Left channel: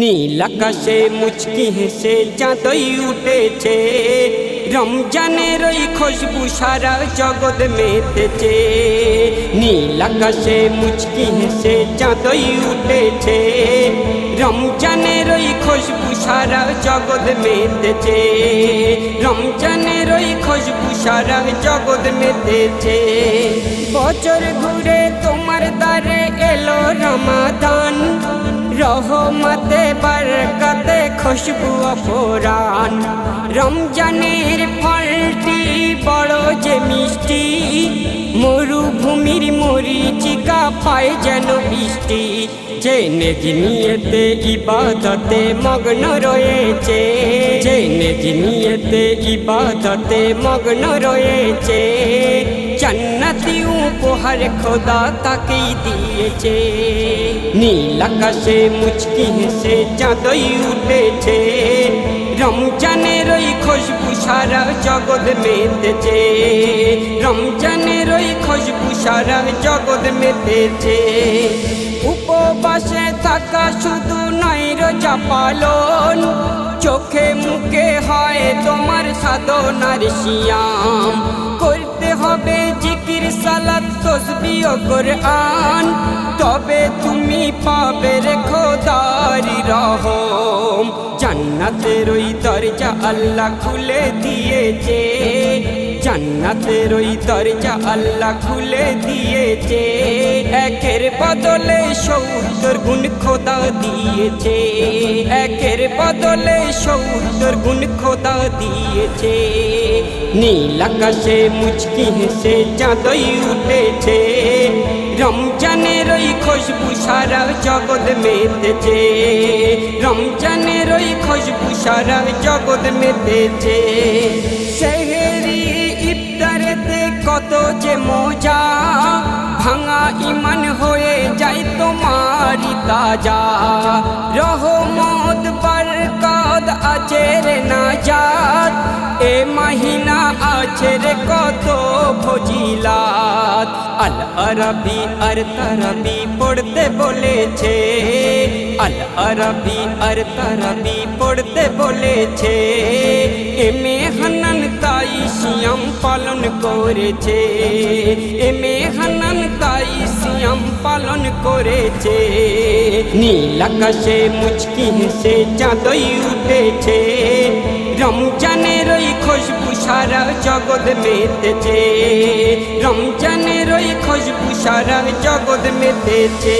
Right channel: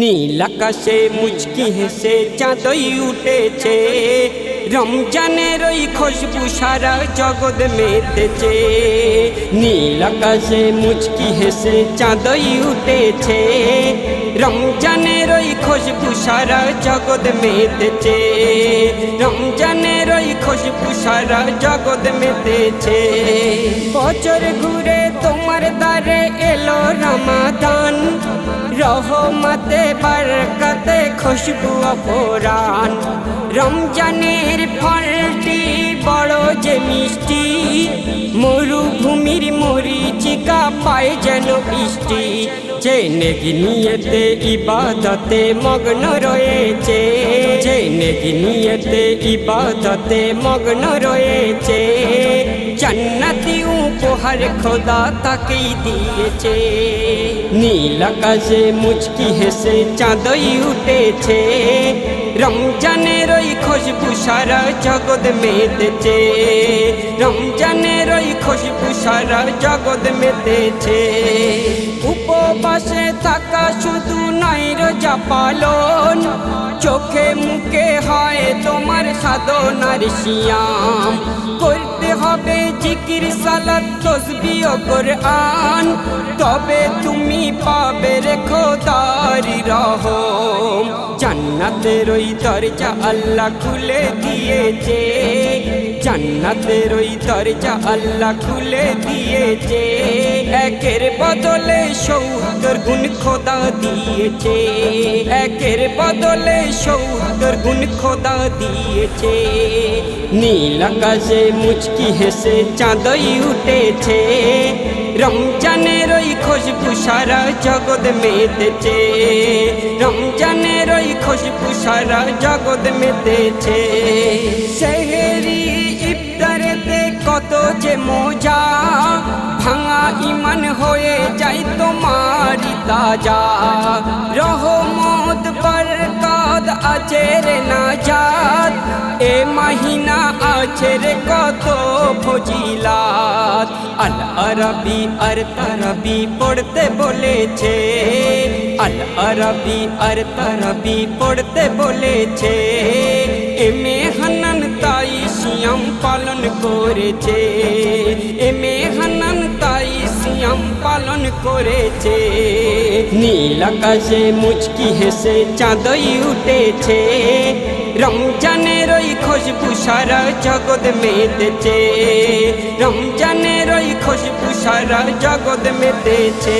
নীল আকাশে মুচকি হেসে চাঁদই উঠেছে, রমজানের ওই খুশবু সারা জগৎ মেতেছে। নীল আকাশে মুচকি হেসে চাঁদই উঠেছে, রমজানের ওই খুশবু সারা জগৎ মেতেছে। রমজানের ওই খুশবু সারা জগৎ মেতেছে। বছর ঘুরে তোমার দ্বারে এলো রমাদান, রহমতে বরকতে খুশবু অফরান। রমজানের ফলটি বড় যে মিষ্টি, মরুভূমির মরিচিকা পায় যেন বৃষ্টি। যে নেকি নিয়েতে ইবাদতে মগ্ন রয়েছে, যে নেকি নিয়েতে ইবাদতে মগ্ন রয়েছে, জান্নাতি উপহার খোদা তাকেই দিয়েছে। নীল আকাশে মুচকি হেসে চাঁদই উঠেছে, রমজানের ওই খুশবু সারা জগৎ মেতেছে। রমজানের ওই খুশবু সারা জগৎ মেতেছে। উপবাসে থাকা শুধু নয় রোজা পালন, চোখে মুখে হয় তোমার সাধনার সিয়াম। করতে হবে জিকির সালাত তসবিহ ও কোরআন, তবে তুমি পাবে রে খোদার রহম। জান্নাতের ওই দরজা আল্লাহ খুলে দিয়েছে, জান্নাতের ওই দরজা আল্লাহ খুলে দিয়েছে। একের বদলে ৭০ গুণ খোদা দিয়েছে, একের বদলে ৭০ গুণ খোদা দিয়েছে। নীল আকাশে মুচকি হেসে চাঁদই উঠেছে, রমজানের ওই খুশবু সারা জগৎ মেতেছে। রমজানের ওই খুশবু সারা জগৎ মেতেছে। সেহরি ইফতারেতে কত যে মজা, ভাঙা ইমান হয়ে যায় তোমারি তাজা। রহমত বরকত আছে রে নাজাত, এ মাহিনা আছে রে কত ফজিলাত। আল আরবি আর তারাবি পড়তে বলেছে, আল আরবি আর তারাবি পড়তে বলেছে। এমে হান্নান তাই সিয়াম পালন করেছে, এমে হান্নান তাই সিয়াম পালন করেছে। নীল আকাশে মুচকি হেসে চাঁদই উঠেছে, রমজানের ওই খুশবু সারা জগৎ মেতেছে। রমজানের ওই খুশবু সারা জগৎ মেতেছে।